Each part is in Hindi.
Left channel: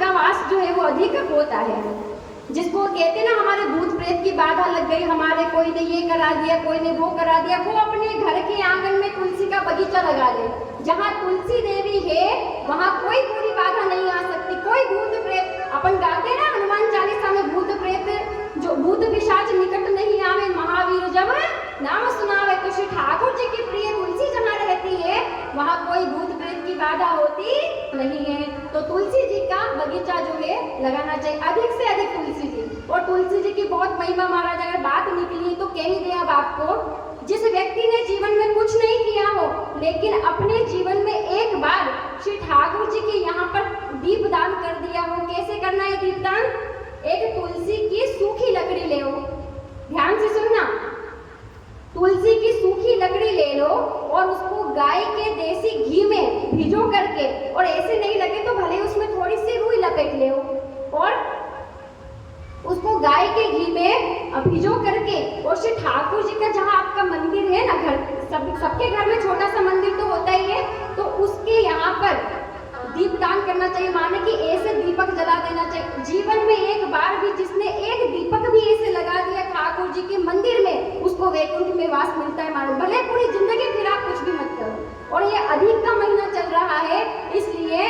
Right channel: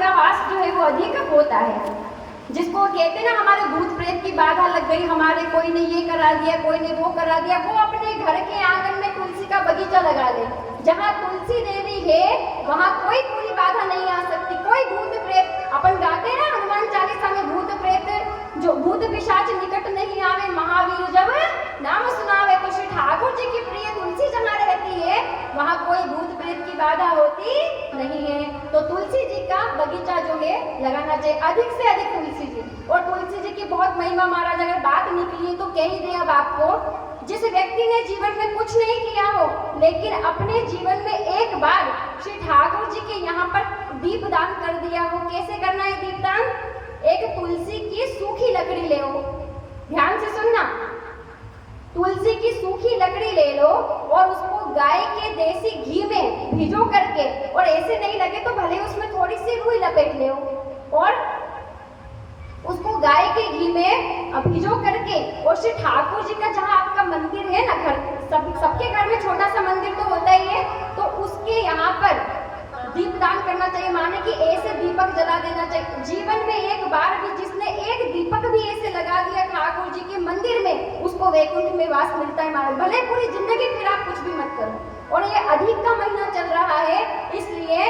का वास जो है वो अधिक होता है। जिसको कहते ना हमारे भूत प्रेत की बाधा लग गई, हमारे कोई ने ये करा दिया, कोई ने वो करा दिया, वो अपने घर के आंगन में तुलसी का बगीचा लगा ले। जहाँ तुलसी देवी है वहाँ कोई बुरी बाधा नहीं आ सकती, कोई भूत प्रेत। अपन गाते ना हनुमान चालीसा में, भूत प्रेत जो भूत पिशाच निकट नहीं आवे, महावीर जब नाम सुनावे। तो श्री ठाकुर जी की प्रिय तुलसी जहाँ रहती है वहाँ कोई भूत प्रेत की बाधा होती नहीं है। तो तुलसी जी का बगीचा जो है लगाना चाहिए, अधिक से अधिक तुलसी जी। और तुलसी जी की बहुत महिमा महाराज, अगर बात निकली है तो कह ही दे अब आपको। जिस व्यक्ति ने जीवन में कुछ नहीं किया हो लेकिन अपने जीवन में एक बार श्री ठाकुर जी के यहाँ पर दीप दान कर दिया हो। कैसे करना है दीप दान? एक तुलसी की सूखी लकड़ी ले लो, ध्यान से सुनना। तुलसी की सूखी लकड़ी ले लो और उसको गाय के देसी घी में भिजो करके, और ऐसे नहीं लगे तो भले उसमें थोड़ी सी रुई लपेट ले और उसको गाय के घी में भिजो करके, और श्री ठाकुर जी का जहाँ आपका मंदिर है ना, घर सबके घर में छोटा सा मंदिर तो होता ही है, तो उसके यहाँ पर दीपदान करना चाहिए। माने कि ऐसे दीपक जला देना चाहिए। जीवन में एक बार भी जिसने एक दीपक भी ऐसे लगा दिया ठाकुर जी के मंदिर में, उसको वैकुंठ में वास मिलता है। मानो भले पूरी जिंदगी फिर आप कुछ भी मत करो। और ये अधिक का महीना चल रहा है, इसलिए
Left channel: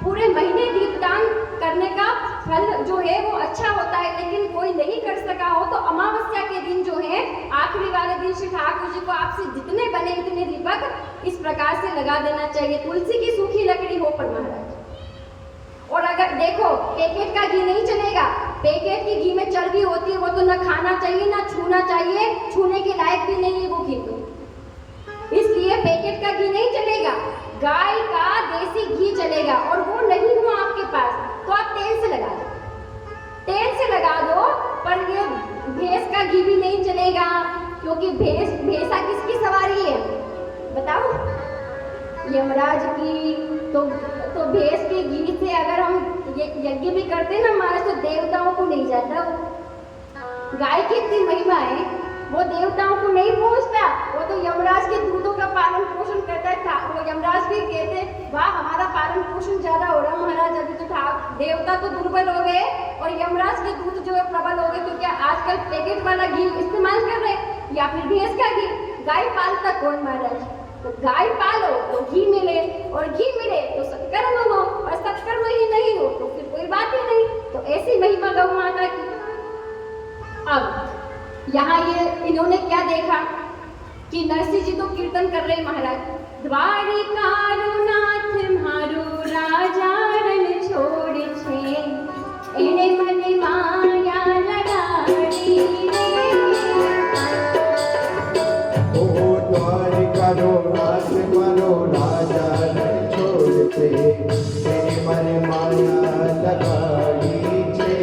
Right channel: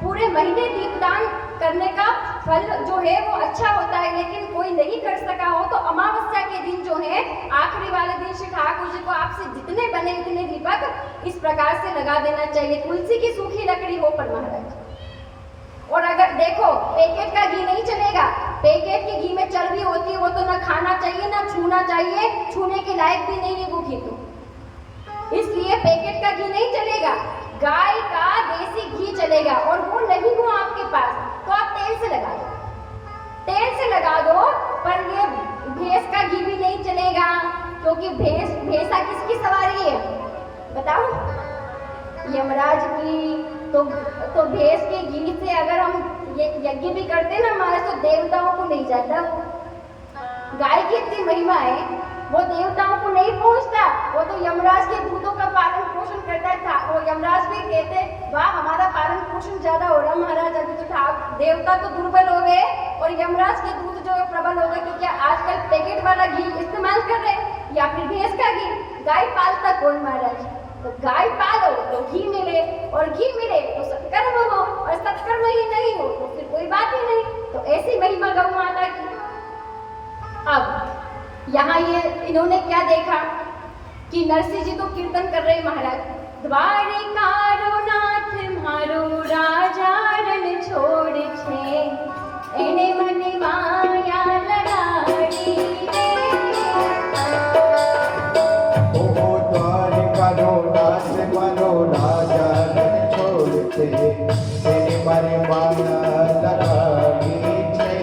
पूरे महीने दीपदान करने का फल जो है वो अच्छा होता है। लेकिन कोई नहीं कर सका हो तो अमावस्या के दिन जो है, आखिरी वाले दिन श्री ठाकुर जी को आपसे जितने बने उतने दीपक इस प्रकार से लगा देना चाहिए। तुलसी की सूखी लकड़ी हो पर महाराज। और अगर देखो पैकेट का घी नहीं चलेगा, पैकेट के घी में चर्बी होती है, वो तो ना खाना चाहिए ना छूना चाहिए, छूने के लायक भी नहीं है वो घी, तो इसलिए पैकेट का घी नहीं चलेगा, गाय का देसी घी चलेगा। और वो नहीं हो आपके पास तो आप तेल से लगा दो, तेल से लगा दो। पर ये भैंस का घी भी नहीं चलेगा, क्योंकि भैंसा किसकी सवारी है बताओ? यमराज की। तो भैंस के घी से अगर हम ये यज्ञ भी करते ना हमारे, तो देवताओं को नहीं जाता। गाय की इतनी महिमा है, वो देवताओं को नहीं पहुंचता, वो तो यमराज के दूतों का पालन पोषण करता है। वो यमराज भी कहते वाह हमारा पालन पोषण ज्यादा हो रहा महाराज, अभी तो था देवता तो दुर्बल हो गए और यमराज के दूत जो है प्रबल हो गए, क्योंकि आजकल पैकेट वाला घी इस्तेमाल कर रहे हैं या फिर भैंस का घी। गाय पालता कौन महाराज? तो गाय पालो तो घी मिले, और घी मिले तो सत्कर्म हो, और सत्कर्म ही नहीं हो तो फिर कोई बात ही नहीं। तो ऐसी महिमा गौ माता की। अब यहाँ ये इन्होंने क्या देखा कि नरसिंह जी तो कीर्तन कर रहे महाराज, द्वारिकारो नाथ मारो राजा रण छोड़ छे, एने मने माया लगाड़ी रे। ओ द्वारिकारो नाथ मारो राजा रण छोड़ छे, एने मने माया लगाड़ी छे।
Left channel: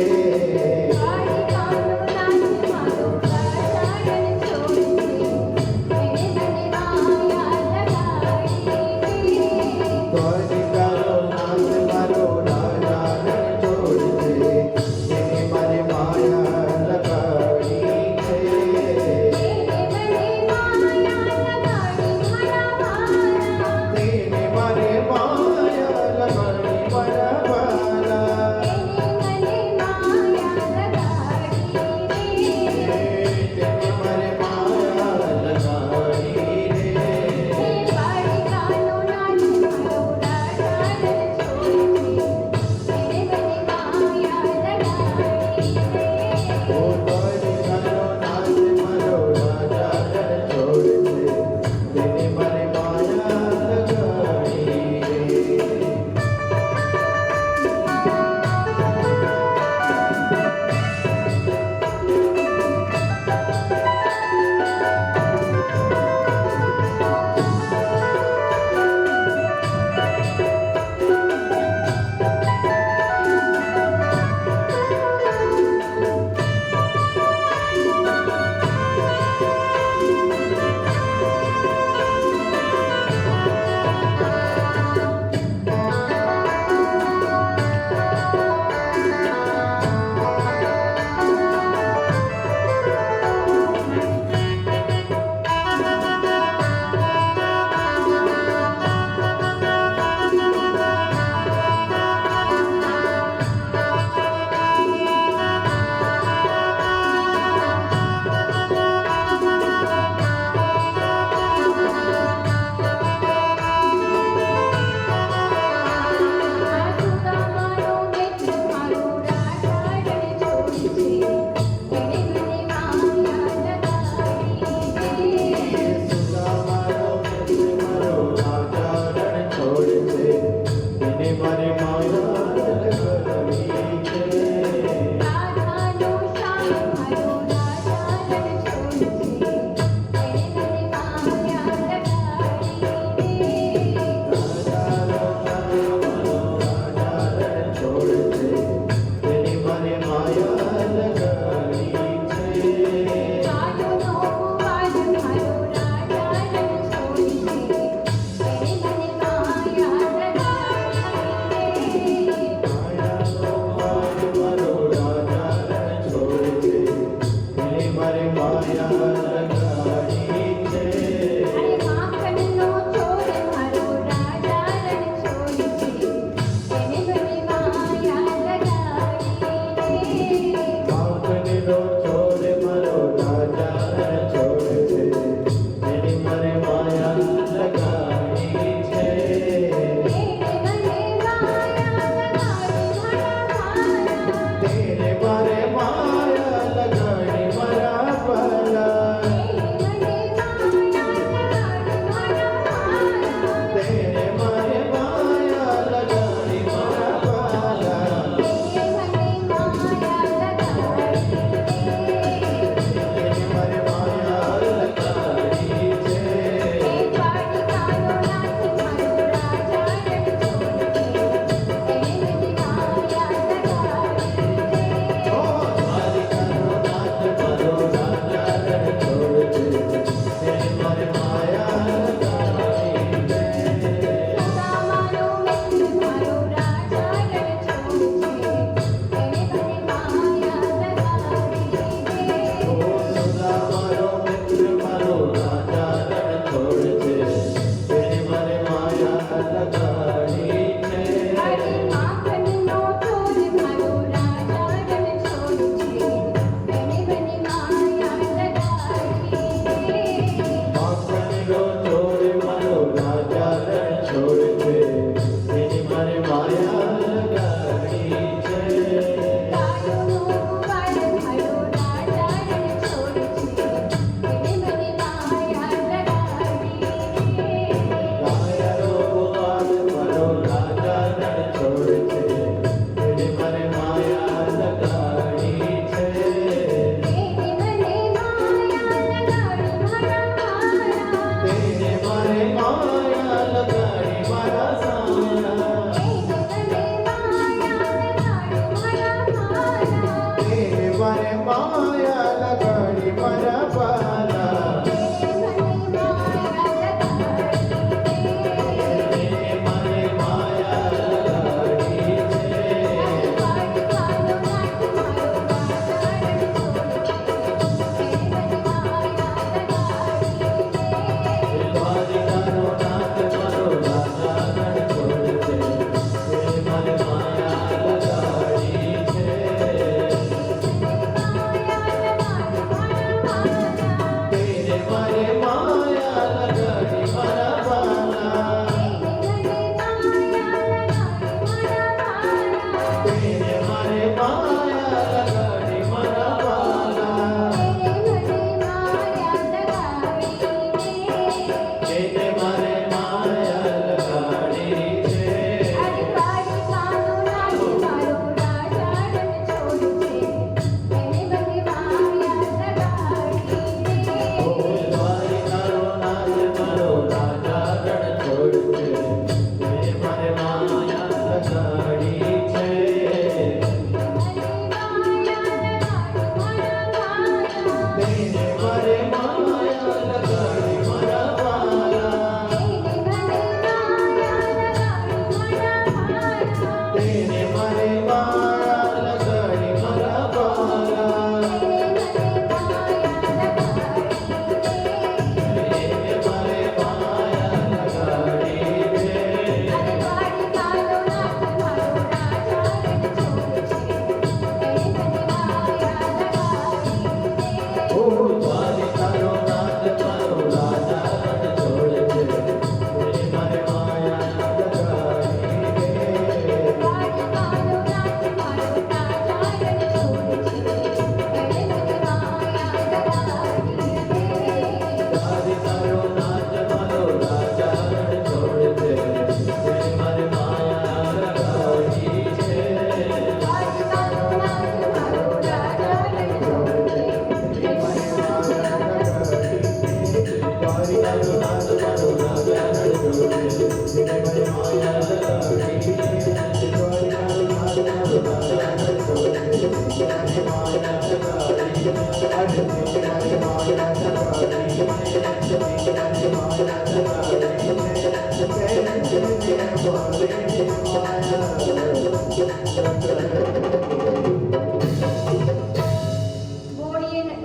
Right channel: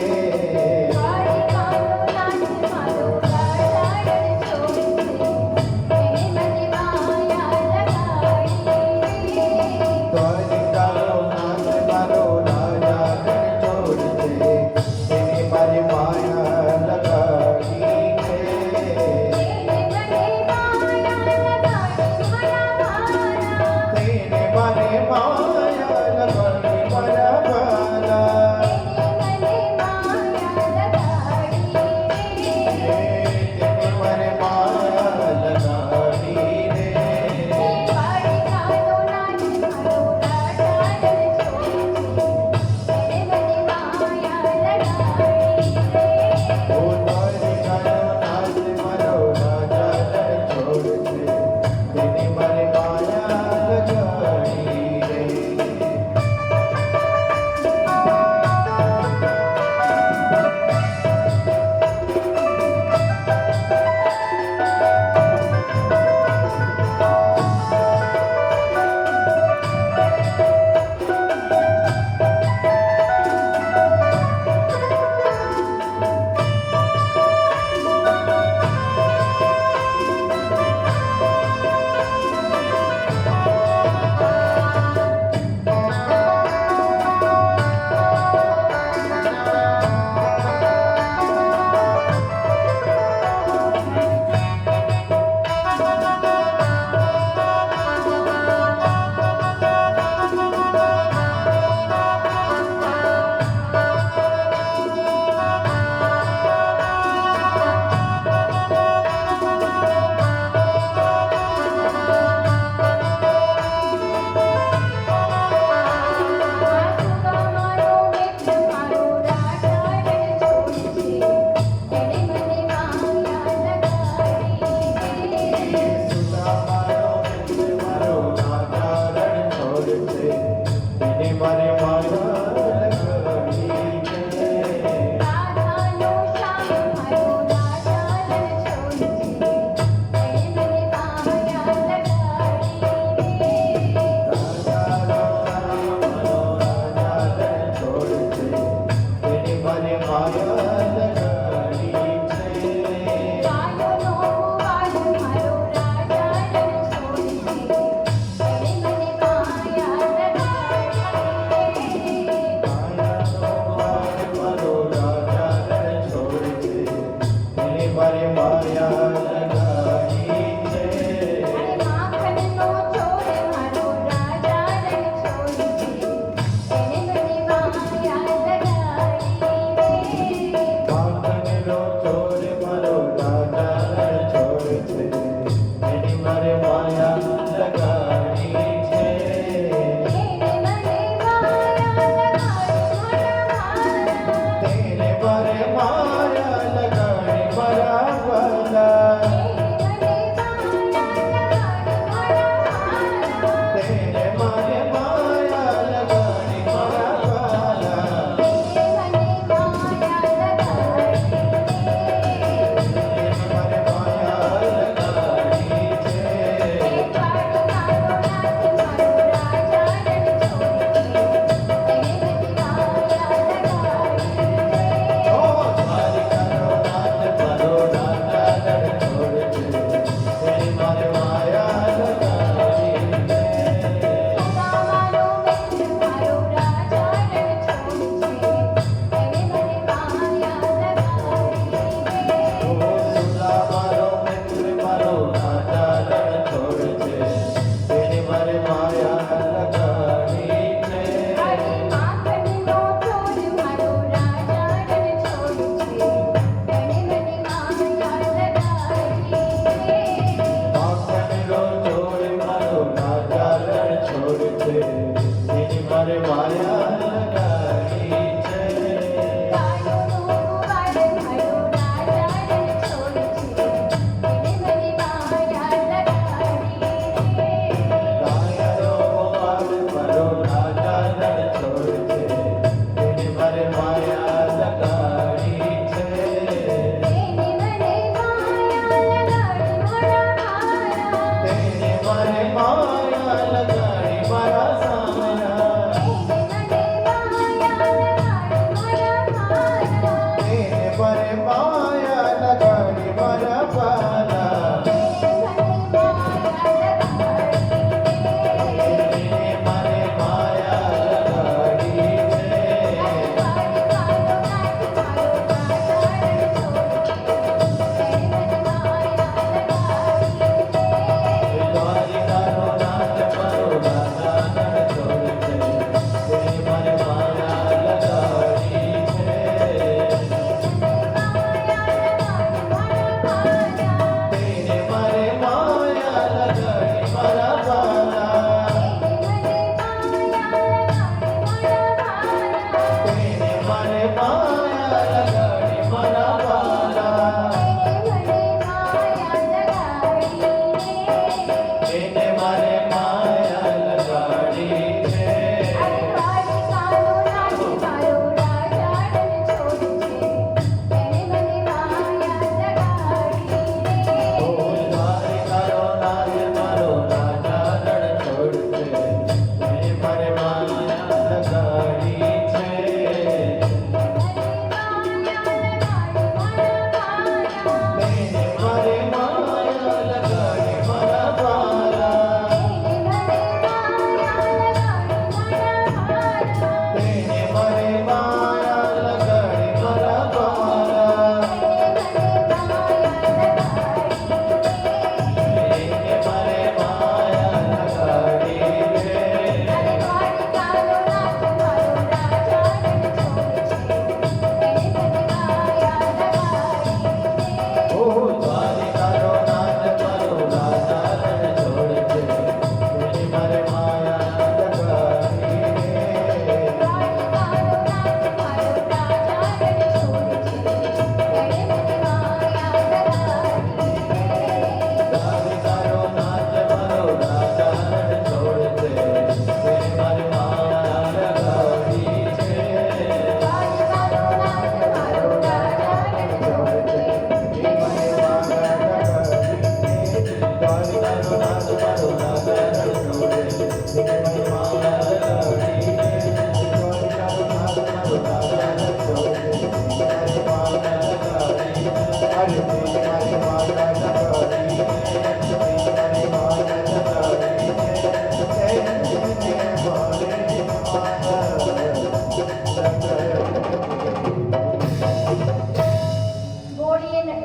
बोलिए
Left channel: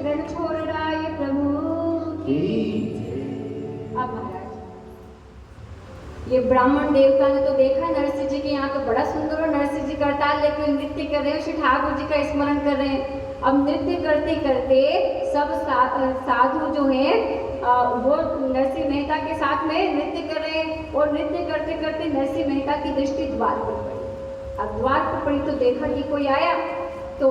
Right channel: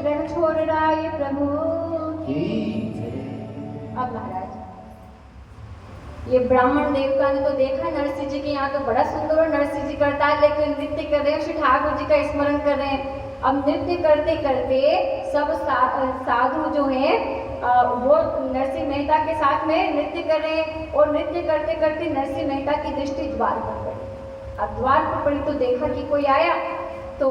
रणछोड़राय प्रभु की अब महाराज ये ब्राह्मण देवता ने तो देखा नरसिंह जी के यहाँ तो बड़ा सुंदर और नरसिंह जी करता है, लेकिन नृत्य कर रहे हैं, श्री ठाकुर जी का स्मरण कर रहे हैं। अब नृत्य करते करते सब साधु जो है वो नरसिंह मेहता के साथ में नृत्य कर रहे हैं, और नृत्य करते करते नरसिंह मेहता की दृष्टि द्वार पर पड़ी। अब द्वार पर पड़ी तो देखा कि कोई आया, तो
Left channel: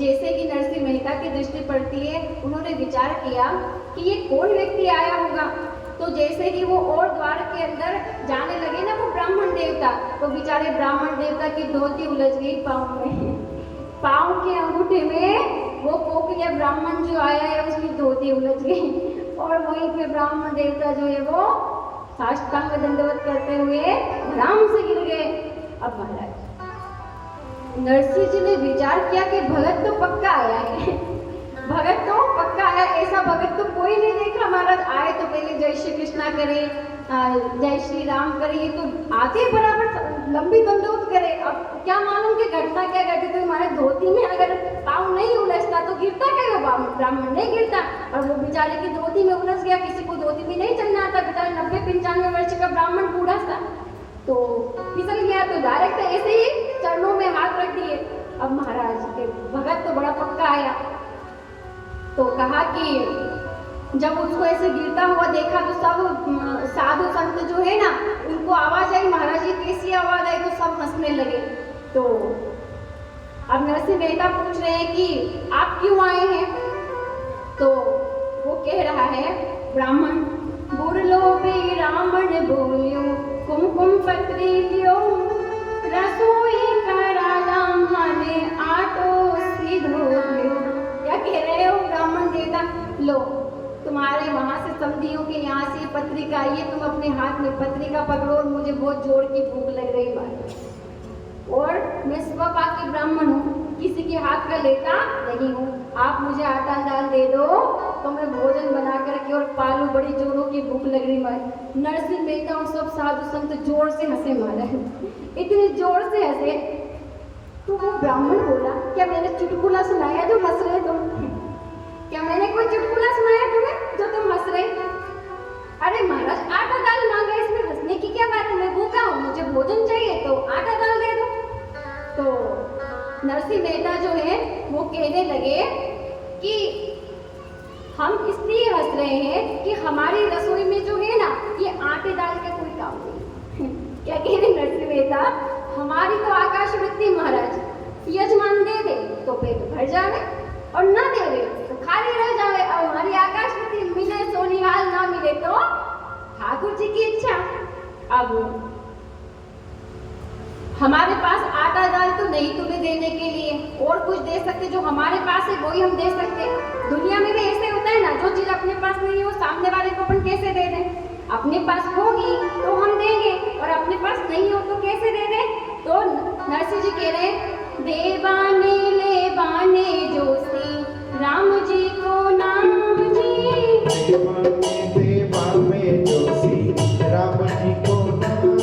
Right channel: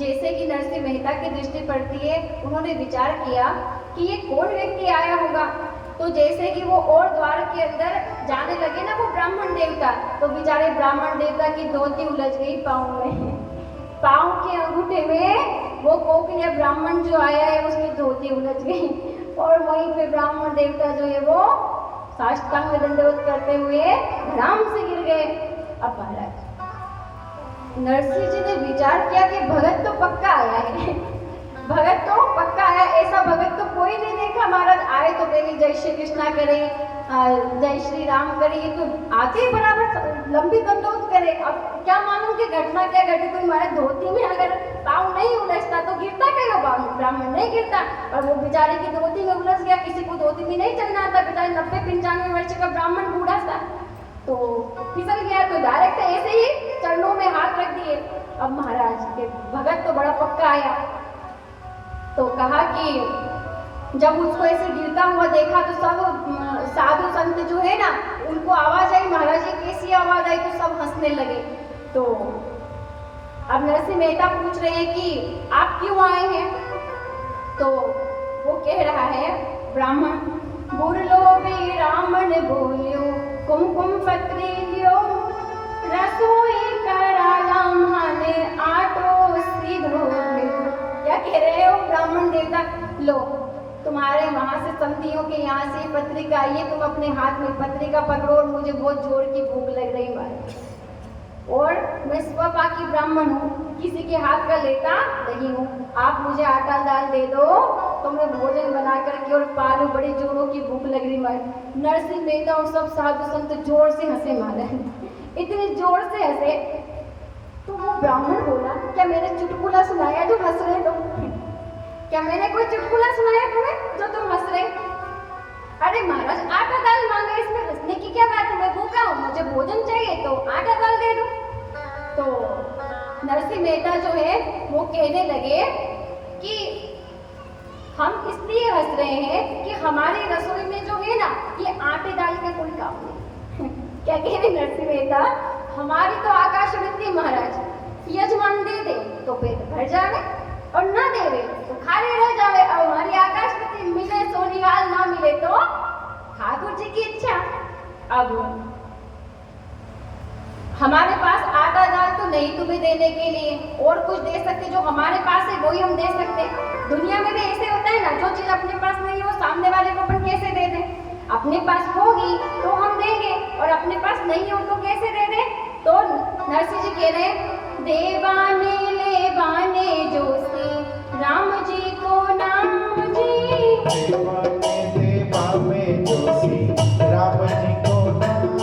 जैसे कि नरसिंह मेहता की दृष्टि पड़ती है, उन्होंने विचार किया कि ये कौन व्यक्ति आया होगा। तो जैसे कि वो और द्वार के अंदर जाने लगे ना वो ब्राह्मण देवता, तो बेचारे ब्राह्मण देवता की धोती उलझ गई पाँव में, पाँव के अंगूठे में वो कोकलिया ब्राह्मण जो आया है उसकी धोती उलझ गई, और वहीं पे ब्राह्मण देवता जो है वो साष्टांग दंडवत करते हुए आराम से गिर गए। अब महाराज नरसिंह जी ने विचार किया कि भगत तो पक्का आया है, भगत तो पक्का आया, ऐसा भगत तो कोई नहीं देखा। महाराज आए तो पहले जय श्री कृष्णा करे, जय श्री राम करे, ये तो आते ही बराबर लंबी दंडोत करे। अब क्या मालूम कि घटना क्या घटी, तो हमारे धोती में अगर पाँव नहीं उलझता तो गिरता क्या ब्राह्मण नहीं गिरता, और वो बेचारे की धोती में उलझ गया। किसी को धोती में नहीं चलना आता, बेचारे 90-95 वर्ष का ब्राह्मण बूढ़ा सा, तो फिसल गया, तो डायरेक्ट ऐसे ही चरणों में हाथ रख दिए। अब महाराज के भगत तो बड़ा पक्का आया, तो कहा कि जब उसको ऐसे गिरता हुआ देखा तो सब साधु संत जो है ना उनको आवाज आई, महाराज ये कैसी आवाज आई, तो सब हंसने लगे। तो अब नरसिंह मेहता पूछ रहे हैं कि आप क्यों आए हैं, तो वो कह रहा है ब्राह्मण, बुरलो भी रामन बोलियो कुमकुम पत्री क्यों, रसोई कराला माने आटो सीधो। क्या कह रहे हो ब्राह्मण देवता, लो तुम्हारे वहां से समधियों के यहाँ से पत्रिका आई है, तुम अपने हाथ में पत्रिका पकड़ो, और मुझे बहुत जोर की भूख लग रही बात, और मैं स्वपाकी ब्राह्मण हूँ, किसी के हाथ का लेता नहीं हूँ। आप मुझे आटा दाल दे दो तो मैं भोजन बना करके और पालू, बड़ी जोरों की भूख लग रही मारे। नरसिंह मेहता और सब साधु संत जोर से हंसे मारे, इतने जोर से हंसे। तो वो ब्राह्मण बोला, क्या मैंने चुटकुला सुनाया जो हंस रहे तुम, क्या मैंने कोई चुटकुला सुनाया तुम्हें जो तुम हंस रहे? अरे महाराज आटा दाल मांगा, इसमें हंसने की क्या बात है, मैं भूखा हूँ, मुझे भोजन चाहिए तो आटा दाल दे दो। तो नरसिंह मेहता जो है वो कहने लगे कि हम इसलिए हंस रहे हैं कि हमारी रसोई में जो है ना ये आटे दाल के कोई काम नहीं। क्या कह रहे नरसिंह मेहता, हमारी तो आकाश वृत्ति महाराज, यजमान दे दे तो पेट भर जावे, और ना दे दे तो खाली रह जावे। और हमारी आकाश वृत्ति मिले सोनिहाल, ना मिले तो ठाकुर जी की इच्छा। अब हमारे पास आटा दाल तो नहीं तुम्हें देने के लिए, और कुछ दे सकते जो हमारे पास है वही हम दे सकते। दुनिया में भी ऐसे होता है ना, जो चीज अपने पास नहीं हो सामने वाले को अपन कैसे दे दें, अपने पास होगी तो हम देंगे, और अपने पास नहीं हो तो कैसे दे दें। तो नरसिंह जी कह रहे हैं, देवाने ले बाने जोशी राम जी को नाम जी, देवा में जोशी राम जी को नाम,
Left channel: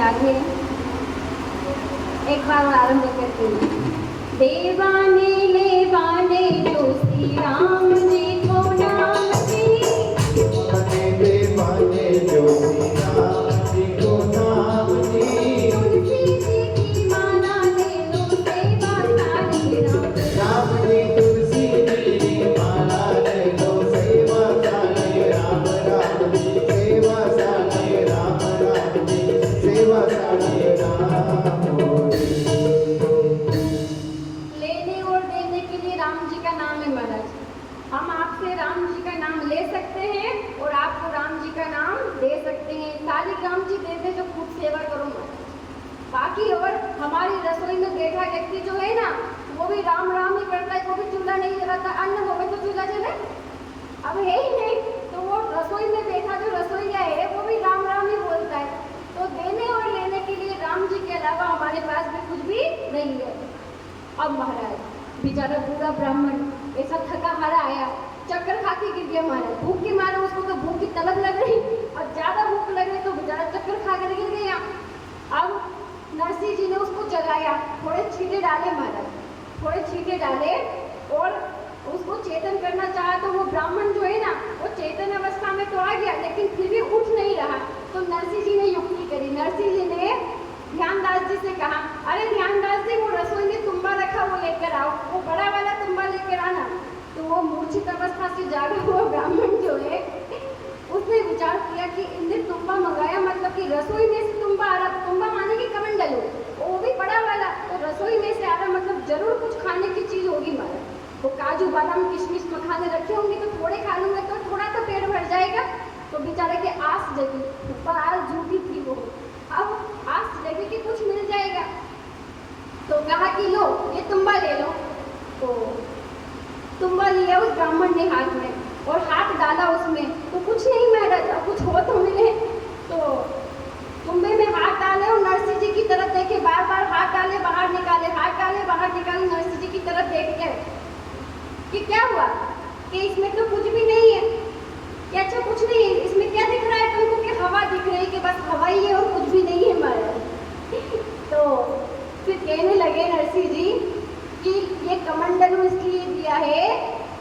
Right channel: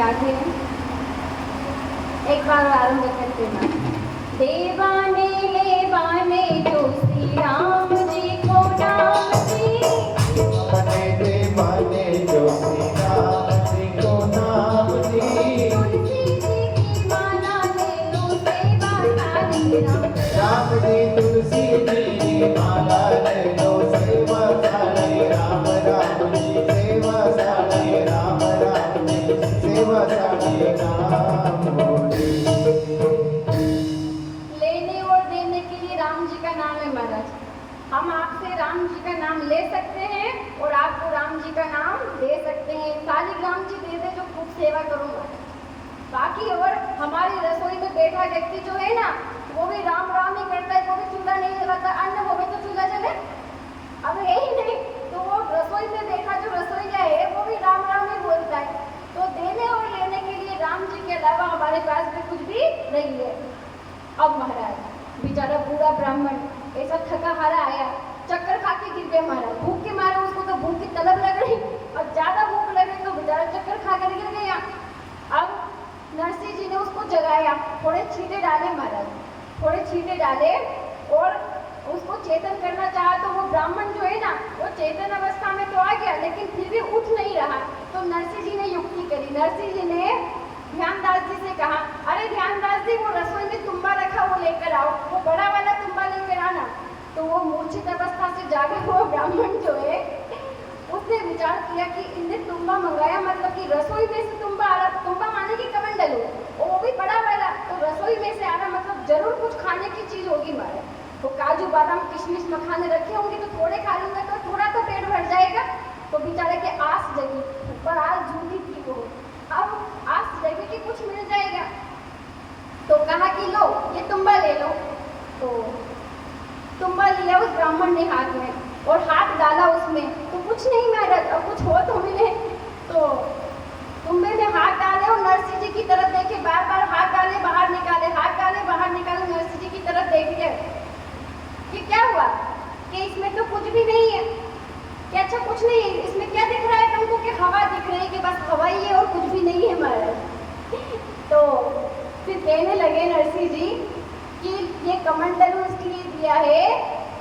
आगे एक बार आरंभ करते हैं। देवाने ले बाने जोशी राम जी को नाम जी, देवाने जोशी राम जी को नाम जी, तुलसी जी की माला ले व्यक्ति जो है ना वो भी राम राम ही करता है, वो भी चूल्हा नहीं जलाता, अन्न हो तो चूल्हा जले, अब है ही नहीं, तो वो रसोई में बैठा जो रसोईया है वो भी राम राम ही बोलता है। तो देने और लेने के लिए राम जी के अलावा हमारे पास भी कुछ भी नहीं है। अब महाराज बेचारा बूढ़ा ब्राह्मण ऐसा थका हारा आया, चक्कर खा के गिर गया महाराज, भूख के मारे, उसको तो भूख की तलब लग रही और ज्यादा भूख लगी तो बेचारा चक्कर खा कर गिर गया। अब नरसिंह जी ने उसको जगाया, थोड़े छींटे डाले महाराज, थोड़े छींटे डाले और उसको चेतन करना चाहा तो वो ब्राह्मण जो है ना वो चेतन अवस्था में तो आ गया लेकिन फिर भी उठ नहीं रहा। तो नरसिंह जी ने युक्ति करी, नरसिंह जी ने ध्यानदास जी से कहा, अरे ध्यानदास जी वो रसोई में तुम्बा रखा वो लेकर आओ, वो बड़ा वाला तुम्बा लेकर आना। तो वो मूर्छित अवस्था से जागा हुआ ब्राह्मण जो है उसने विचार किया कि इनने तुम्बा मंगाया, मतलब कि रसोई में से तुम्बा आ रहा, तुम्बा माने कि कमंडल हो, वो भी बड़ा वाला, तो रसोई में से आ रहा मतलब जरूर कुछ खाने की चीज होगी मारा। तो काजू बादाम किशमिश मखाने रखे होंगे तो थोड़े खा लूंगा तो थोड़ा तो पेट भर जाएगा। तो बेचारे के आस जगी, पर आस झूठी थी वो, अब आस जगी कि कुछ मिल जाएगा। तो कहा कि लो ये तुम्बा ले लो। तो तुम्बा लिया उस ब्राह्मण ने हाथ में और हाथ डाला उसमें, तो कुछ नहीं मिला, कुछ हो तो मिले। तो तुम्बे में हाथ डाले और नरसिंह जी की तरफ देखे, बार बार हाथ डाले बाहर निकाले, हाथ डाले बाहर निकाले, नरसिंह जी की तरफ देखे कि क्या हुआ, कि इसमें तो कुछ भी नहीं है, कि अच्छा कुछ नहीं है, इसमें क्या दिख रहा है तुमको, कि हवा दिख रही है, कि बस हवा ही है और कुछ भी नहीं है महाराज। तो फिर कहने लगे नरसिंह जी कि ये कमंडल इसलिए दिया है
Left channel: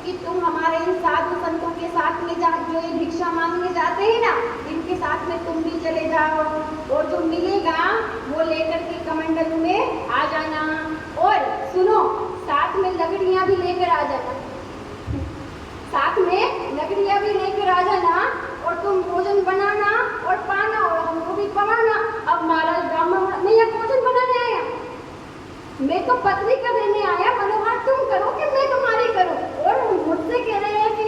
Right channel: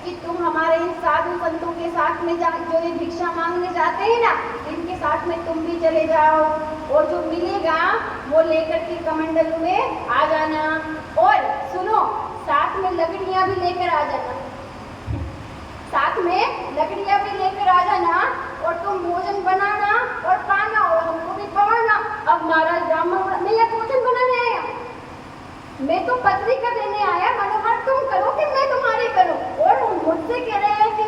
कि तुम हमारे इन साधु संतों के साथ में जो ये भिक्षा मांगने जाते हैं ना, इनके साथ में तुम भी चले जाओ और जो मिलेगा वो लेकर के कमंडल में आ जाना, और सुनो साथ में लकड़ियां भी लेकर आ जाना, साथ में लकड़ियां भी लेकर आ जाना और तुम भोजन बनाना और पाना और हमको भी पवाना। अब महाराज ब्राह्मण मैं यह भोजन बनाने आया, मैं तो पत्रिका देने आया, मनोहर तुम करो कि मैं तुम्हारे करूं, और मुझसे कह रहे हैं कि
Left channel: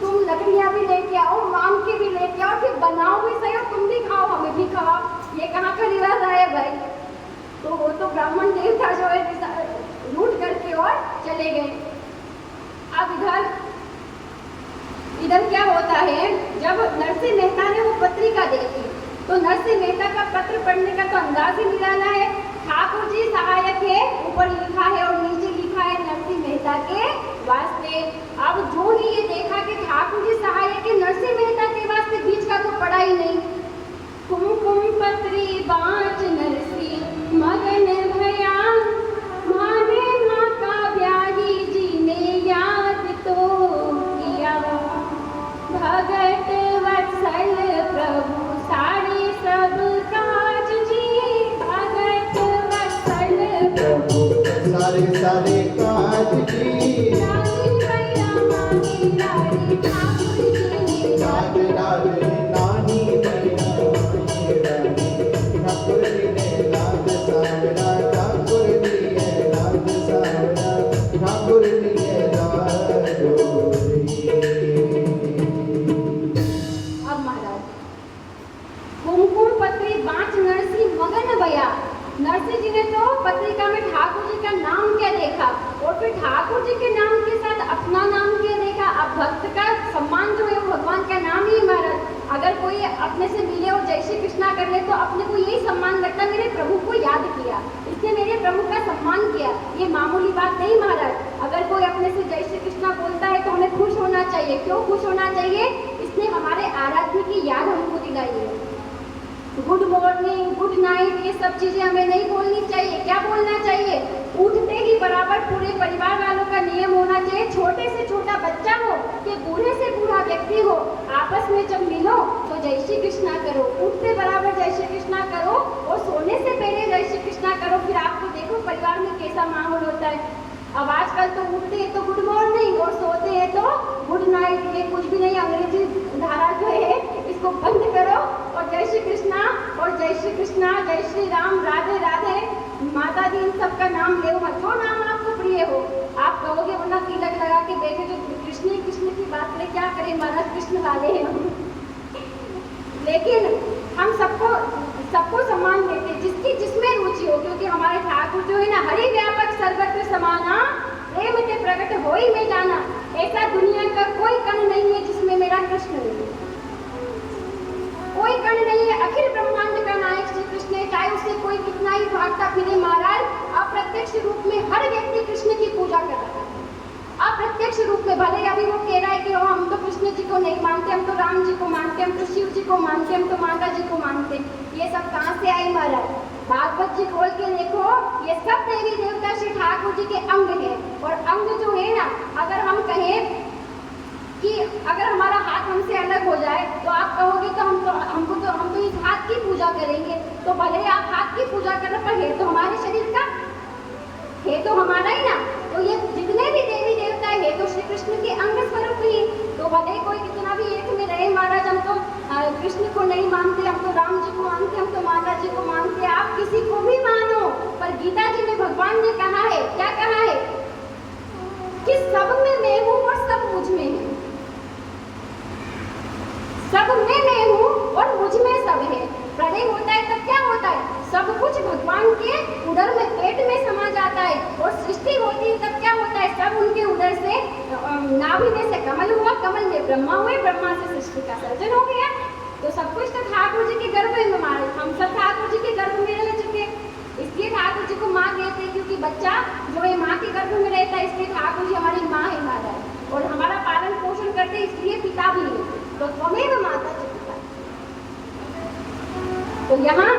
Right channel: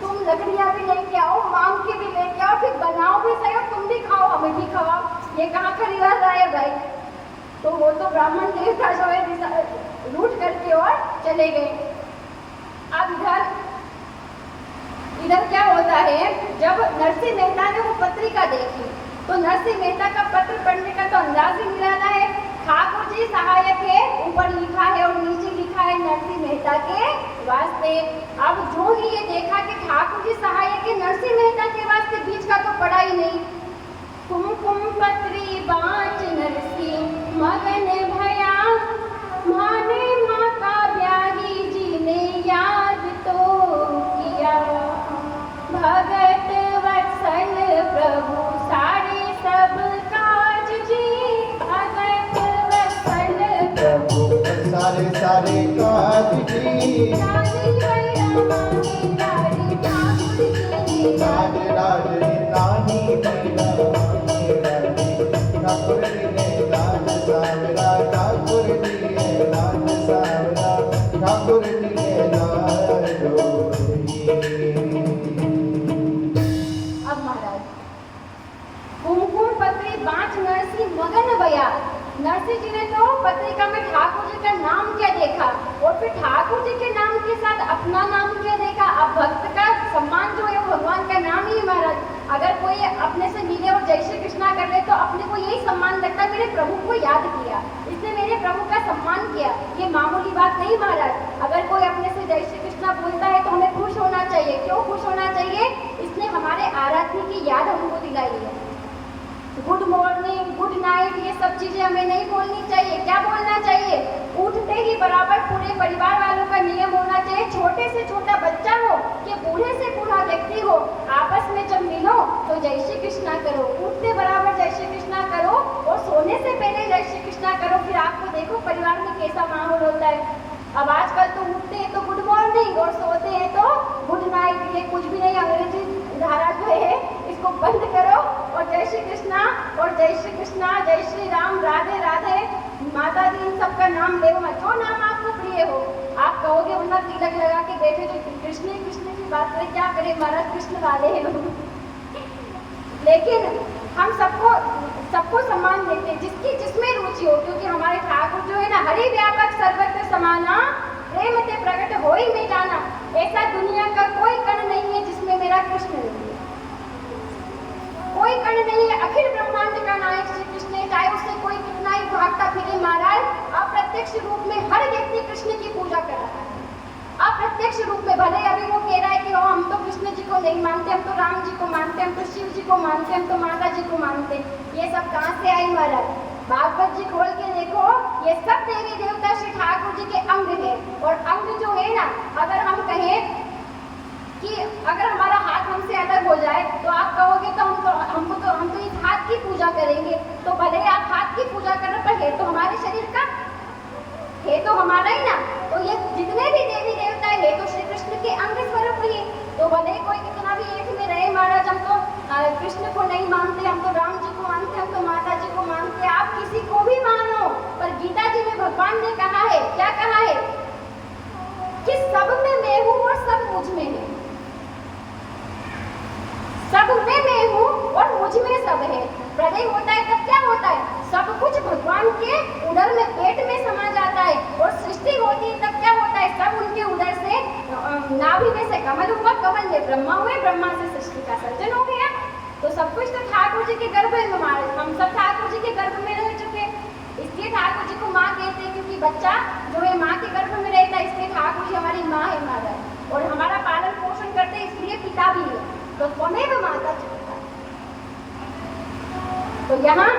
तुम लकड़ियां भी लेके आओ, मांग के भी लेके आओ, फिर बनाओ भी सही और तुम भी खाओ हमें भी खवाओ, ये कहाँ का रिवाज आया भाई। तो वो तो ब्राह्मण देवता जो है रूठ करके और चले गए। अब इधर क्या होता है, जब नरसिंह मेहता ने वो पत्रिका देखी तो नरसिंह मेहता का पत्र पढ़ने का तो अंदाज ही निराला है, ठाकुर जी सहायक है, ऊपर लिखा है और नीचे लिखा है नरसिंह मेहता के वास्ते। अब जो ही ये देखा कि ठाकुर जी सहायक है नरसिंह मेहता के वास्ते, बीच का तो पढ़ा ही नहीं, कुमकुम पत्री बाँच नरसिंह मगन भया, माने माँ का ब्याही जी ने याद तो किया, भगत वत्सल प्रभु सारे सब काज जी, भगत वत्सल प्रभु सारे सारे काज जी, राज राज नानी मैया ठाकुर ने राज सावरा, ठाकुर ने राज सावरा, ठाकुर ने राज। अब महाराज कुमकुम पत्री बाँच नरसिंह मगन भया, नरसिंह जी ने तो पत्रिका में ठाकुर जी का नाम क्या देखा और फिर ठाकुर जी के नाम के साथ अपना नाम क्या देखा। अब भक्त का सम्मान जो है वो भगवान का नाम ही महाराज, अगर कोई अपने से मिले और जय श्री कृष्णा कर ले तो अपने को यही सम्मान लगता है, मेरे प्रभु को याद किया, इसने मेरे प्रभु का सम्मान किया, ये मामूली बात नहीं महाराज। अगर कोई अपने से जय श्री कृष्णा बोलता है तो हमें खुश होना चाहिए, क्यों खुश होना चाहिए, इसने हमारे आराध्य की याद हमको दिलाई है। गुड मॉर्निंग गुड नाइट ये सब चीजें हमें नहीं बोलनी चाहिए, क्या बोलना चाहिए, उठते ही बराबर पूरे परिवार वालों का नियम होना चाहिए, छोटे से छोटा बच्चा हो कि बूढ़े से बूढ़ा व्यक्ति हो, आपस में जब मिलो तो जय श्री कृष्णा करो, उठते बराबर जय श्री कृष्णा करो और सोने से पहले जय श्री कृष्णा करो, फिर आपको देखो परिवार में कैसा माहौल होता है। अब आजकल तो उठते हैं तो गुड मॉर्निंग और सोते हैं तो गुड नाइट, ये कुछ भी नहीं, अंग्रेजी धारा जो है इसको बंद करो और जय श्री कृष्णा और जय श्री कृष्णा, जय श्री राम, राधे राधे, माता दी, इन सबका नाम ले मत, जो नाम आपको प्रिय हो आप कहोगे, वरना तिलक लगा के देखे जो कृष्ण कृष्ण की बात करें, क्या करें महाराज, कृष्ण वाले हैं लेकिन हम सबको सम्मान देते हैं जिसकी जिसमें रुचि हो, क्योंकि हमारे ठाकुर जो है ना हरि व्यापक सर्वत्र समाना, प्रेम ते प्रकट होई में जाना। ऐसा दुनिया का कोई कण नहीं है जिसमें मेरा कृष्ण नहीं है, कोई कण नहीं है। अखिल ब्रह्मांड का नायक श्री कृष्ण है, चाहे उससे कोई कितना ही भागता फिरे महाराज, अप्रत्यक्ष रूप में हर व्यक्ति कृष्ण की पूजा कर रहा है। अप्रत्यक्ष रूप में भले अभी वो कह रहा है कि हम तो कृष्ण जी को नहीं मानते, हम तो राम जी को मानते, हम तो शिव जी को मानते, हम तो माता जी को मानते। ये सब कहाँ से आई महाराज? भागवत जी खोल के देखो, ये सब देवी देवता श्री ठाकुर जी के अंग है। और अंग जो है ना, अगर हम कहें कि अगर हमारा हाथ हमसे अलग हो जाए तो आप कहोगे तो हम तो इस हाथ की पूजा करेंगे। तो भले आप हाथ की पूजा करें, पर है तो हमारे शरीर का, है तो हमारा ही ना। तो ये जितने भी देवी देवता है तो श्री कृष्ण के अंग स्वरूप ही। तो भले कोई कितना भी एक में रहे महाराज, हम तो कृष्ण को नहीं मानते, हम तो राम जी को मानते, हम तो माता जी को मानते, आप किसी को भी मानो, पर गीता जी में भगवान ने कहा है, क्या कहा है कि सब में मैं हूँ और सब मुझ में है। सब में मैं हूँ और मुझ में सब है। प्रलय होता है तब क्या होता है? सब कुछ भगवान के उदर में, पेट में समा जाता है। और सृष्टि होती है तब क्या होता है? सब उनके उदर से, नाभि में से कमल हुआ, कमल में ब्रह्मा हुए, ब्रह्मा से सृष्टि का सर्जन हो गया। तो सब कुछ तो ठाकुर जी के गर्भ में, हम सब ठाकुर जी के गर्भ में रह चुके। इसलिए ठाकुर जी को माँ कहते हैं, क्योंकि बच्चा जो है माँ के गर्भ में रहता है, इसलिए ठाकुर जी हमारी माँ है महाराज। और हमारा पालन पोषण करते हैं, इसलिए पिता भी है। तो त्वमेव माता च पिता। तो यहाँ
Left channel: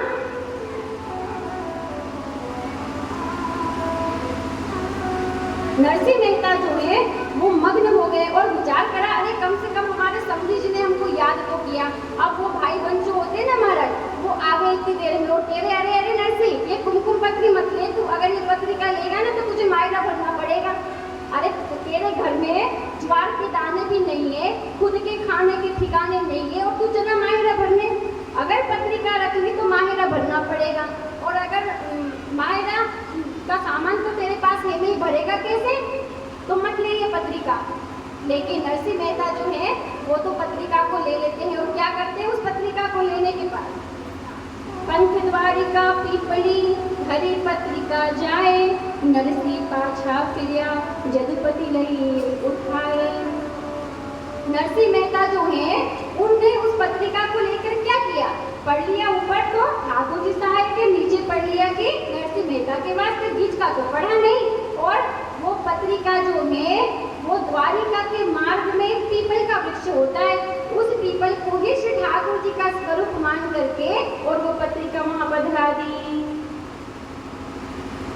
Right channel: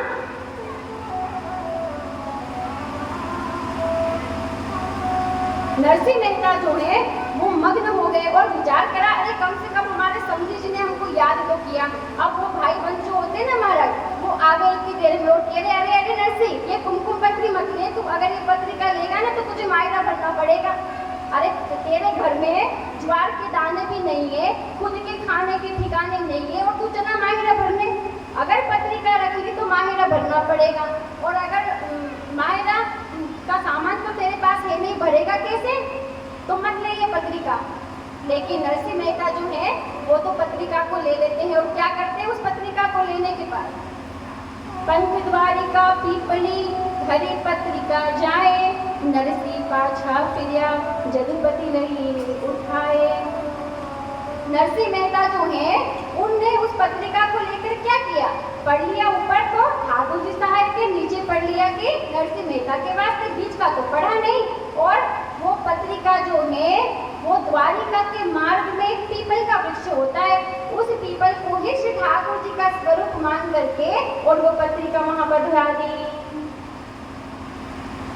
नरसिंह मेहता जो है वो मग्न हो गए और विचार करा, अरे कम से कम हमारे समझी जी ने हमको याद तो किया। अब वो भाई बंधु जो होते ना महाराज, वो आ गए इतनी देर में और कह रहे, अरे अरे नरसिंह, ये कुमकुम पत्री मत ले, तू अगर ये पत्रिका लेगा ना तो तुझे मायरा भरना पड़ेगा। अरे तेरे घर में ज्वार के दाने भी नहीं है, खुद के खाने के ठिकाने नहीं है, और तू चला माहिरा भरने। अगर पत्रिका रख ली तो माहिरा भरना पड़ेगा, और अगर माहिरा का सामान तो तेरे पास है नहीं, भरेगा कैसे? तो मत ले ये पत्रिका। लेकिन नरसिंह मेहता जो है वो तो पत्रिका को ले लेते हैं, और क्या करते हैं उस पत्रिका को लेने के बाद? पंथ द्वारिका पीपली हरी पत्रिका जाए, नरसिंह पाछा फिरिया जदुपति नहीं उठाए। नरसिंह मेहता जो है उनने उस पत्रिका को लेकर क्या किया? पढ़ लिया ऊपर तो ठाकुर जी साहब के, नीचे पढ़ लिया कि नरसिंह मेहता के वास्ते, बीच का तो पढ़ा नहीं। और वो पत्रिका जो है वो द्वारिका के मार्ग में एक पीपल का वृक्ष होता है, उस पीपल को ही श्री ठाकुर जी का स्वरूप मान करके और वो पत्रिका वहां बदला दी।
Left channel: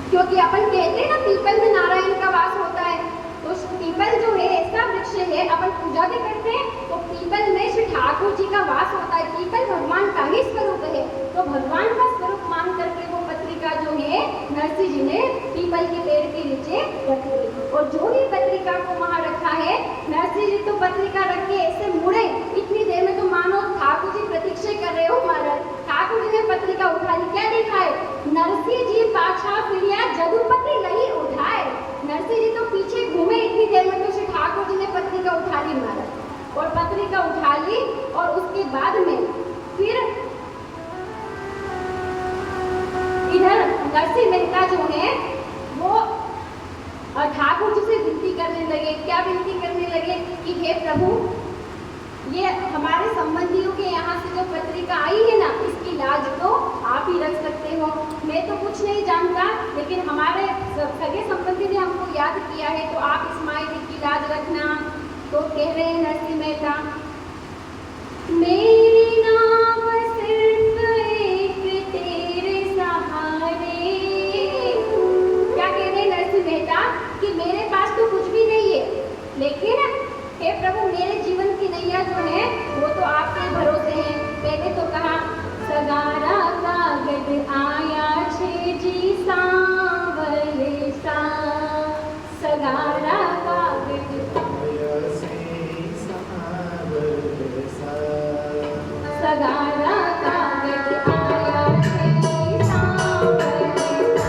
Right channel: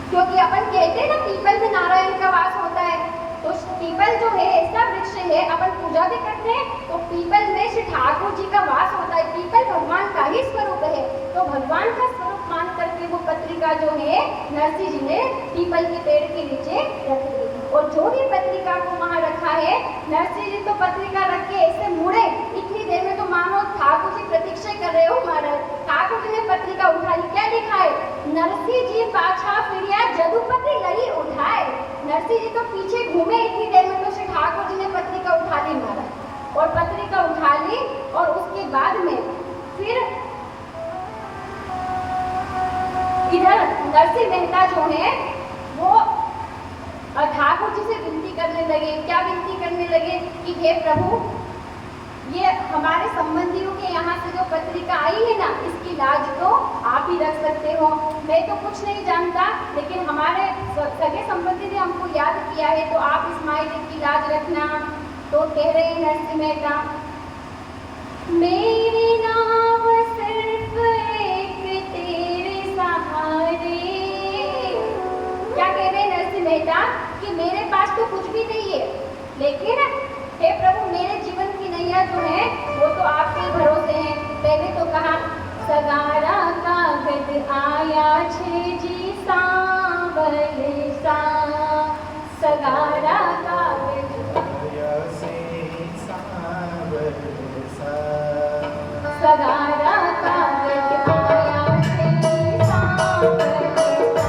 क्योंकि अपन कहते हैं ना पीपल में नारायण का वास होता है, तो पीपल जो है ऐसा वृक्ष है, अपन पूजा भी करते हैं तो पीपल में श्री ठाकुर जी का वास होता है। पीपल भगवान का ही स्वरूप है, तो भगवान का स्वरूप मान करके वो पत्रिका जो है नरसिंह जी ने पीपल के पेड़ के नीचे रख दी। और जो भी पत्रिका को वहां रखा है, नरसिंह जी तो पत्रिका रख के ऐसे मुड़े, इतनी देर में तो मानो ठाकुर जी प्रतीक्षा कर रहे हो महाराज। ठाकुर जी ने पत्रिका उठा ली, क्या देखा है? नरसिंह जी पाछा फिरिया जदुपति लही उठाए। नरसिंह जी तो पीछे घूमे, इतनी देर में तो श्री ठाकुर जी ने पत्रिका उठा ली महाराज। और पत्रिका उठा ली और उसके बाद में फिर इधर नरसिंह मेहता जो है वो ठाकुर जी से विनती करने लगे। क्या विनती करने लगे? कि हे प्रभु, ये हमारे संबंधियों के यहाँ से जो पत्रिका आई है ना, इसकी लाज तो आप ही रख सकते हो। मैं तो कुछ नहीं जानता, लेकिन हमारे सगे संबंधी ने हमको याद किया है, तो आप इस मायने की लाज रखना। तो कह रहे नरसिंह मेहता, मेरी नाव सिर्फ एक तेरे सहारे। क्या कह रहे नरसिंह मेहता कि मेरे पास तो कुछ भी नहीं है, लेकिन हे प्रभु मेरे जीवन की नैया जो है वो तो आपके भरोसे है। पहले तो कहा सगारा कागज आया छे जी सांवरे सा, सगारा कागज सगारा कागज आया छे जी सांवरे सा।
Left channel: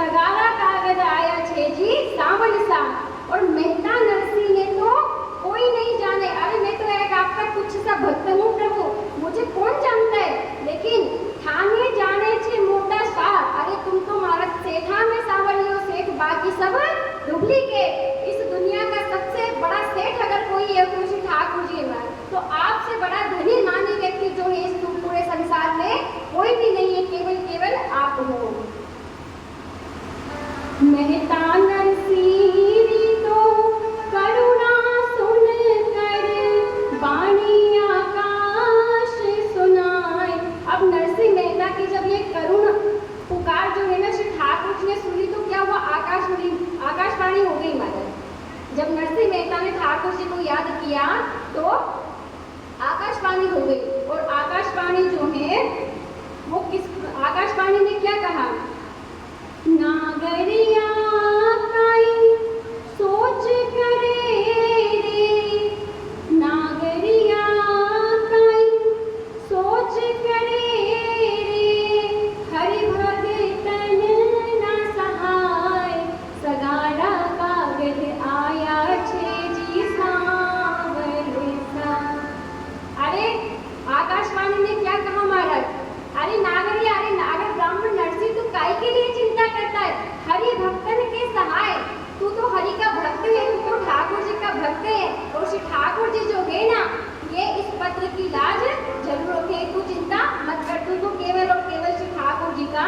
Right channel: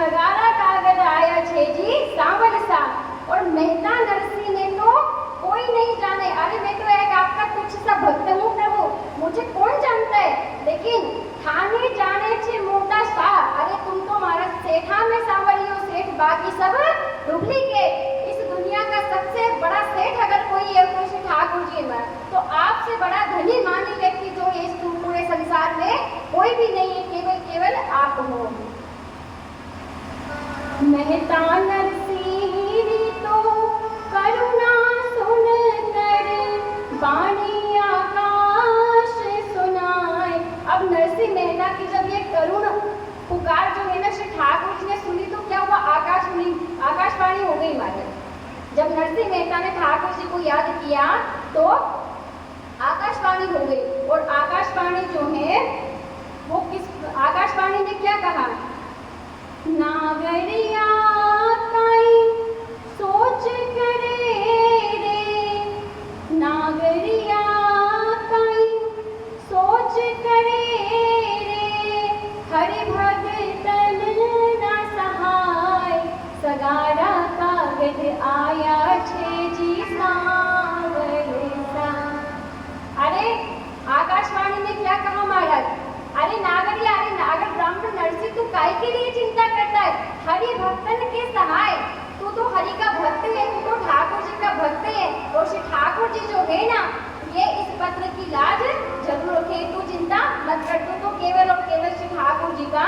सगारा कागज आया छे जी सावन सा। और मेहता नरसिंह ने तो कोई नहीं जाने, अरे मैं तो एक आपका कुछ सा भक्त हूँ प्रभु, मुझे कौन जानता है, लेकिन थाने जाने छे मोटा शाह। अरे तुम तो मारा सेठा में सावलियो सेठ, बाकी सब डुप्लीकेट। इस दुनिया का सबसे बड़ा सेठ अगर कोई है तो श्री ठाकुर जी में, तो आपसे बड़ा धनी मानी व्यक्ति जो है इस पूरे संसार में कोई भी नहीं है, केवल केवल आप हो। मेहता नरसिंह तो करुणा सुन कर वाणी आकाश सुनाए। अब नरसिंह मेहता की जब ये करुण पुकार जो है ना श्री ठाकुर जी ने सुनी तो क्या हुआ, आकाशवाणी हो गई हमारे। जब नरसिंह मेहता ने ठाकुर जी को याद किया तो आकाशवाणी हो गई। और आकाशवाणी जो है वो किस, आकाशवाणी ने क्या कहा, नागरिया काई सोच करे रे, नागरिया काई सोच करे रे, हरि भगतन न सहाय, सगारा कागज आया छे जी सावन सा। अरे आकाशवाणी ने क्या कहा महाराज, अरे नागरिया, अरे नागर ब्राह्मण नरसिंह तू काय के लिए चिंता करता है, हरि भक्तन के सहाय, तू तो हरि का भक्त है, तू तो ठाकुर जी का भक्त है। और श्री ठाकुर जी जो है ना, ये इस पत्र की लाज जरूर रखे, तू चिंता मत कर, तू तो केवल और केवल श्री ठाकुर जी का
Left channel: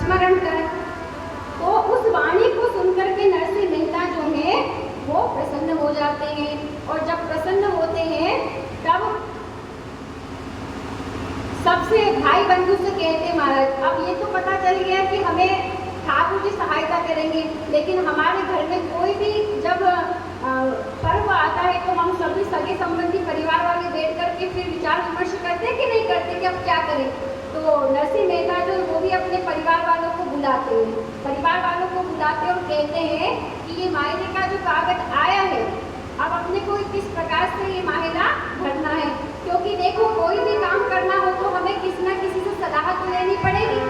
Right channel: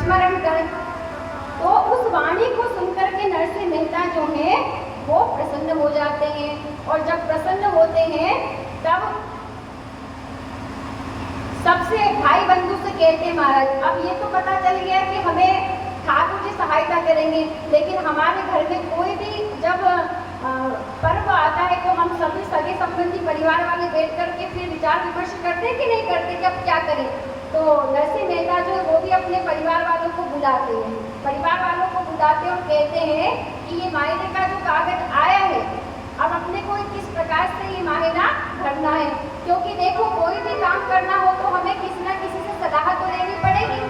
स्मरण कर। तो उस वाणी को सुनकर के नरसिंह मेहता जो है वो प्रसन्न हो जाते हैं। और जब प्रसन्न होते हैं तब सबसे भाई बंधु से कहते हैं, महाराज अब ये तो पता चल गया कि हमें ठाकुर जी सहायता करेंगे, लेकिन हमारे घर में कोई भी जब पर्व आता है तो हम सभी सगे संबंधी परिवार वाले बैठ करके फिर विचार विमर्श करते कि नहीं करते कि अब क्या करें। तो नरसिंह मेहता जो वो भी अपने परिवार वालों को बुलाते हैं, परिवार वालों को बुलाते और कहते हैं कि ये मायने का जो कागज आया है, अब अपने को किस प्रकार से ये मायना भरना है। क्योंकि देखो कोई भी काम करना हो तो हमें किसी न किसी से सलाह तो लेनी पड़ेगी।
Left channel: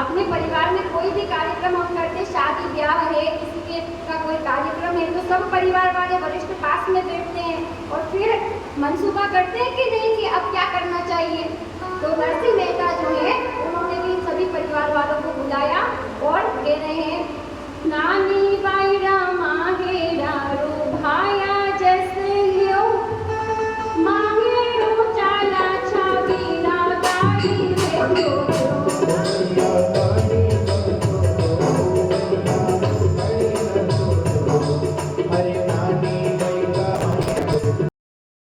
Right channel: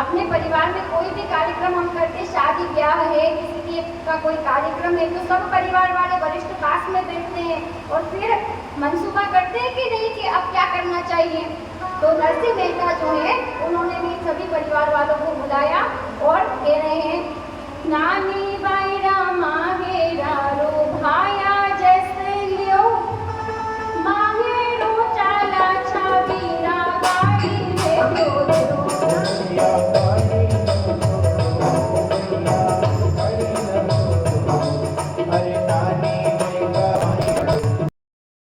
अपने परिवार में कोई भी कार्यक्रम हम करते, शादी ब्याह है, किसी का कोई कार्यक्रम है, तो सब परिवार वाले वरिष्ठ पास में बैठते हैं और फिर मनसूबा करते हैं कि नहीं कि अब क्या करना चाहिए। तो नरसिंह मेहता जो है उन्होंने भी सभी परिवार वालों को बुलाया और कह रहे हैं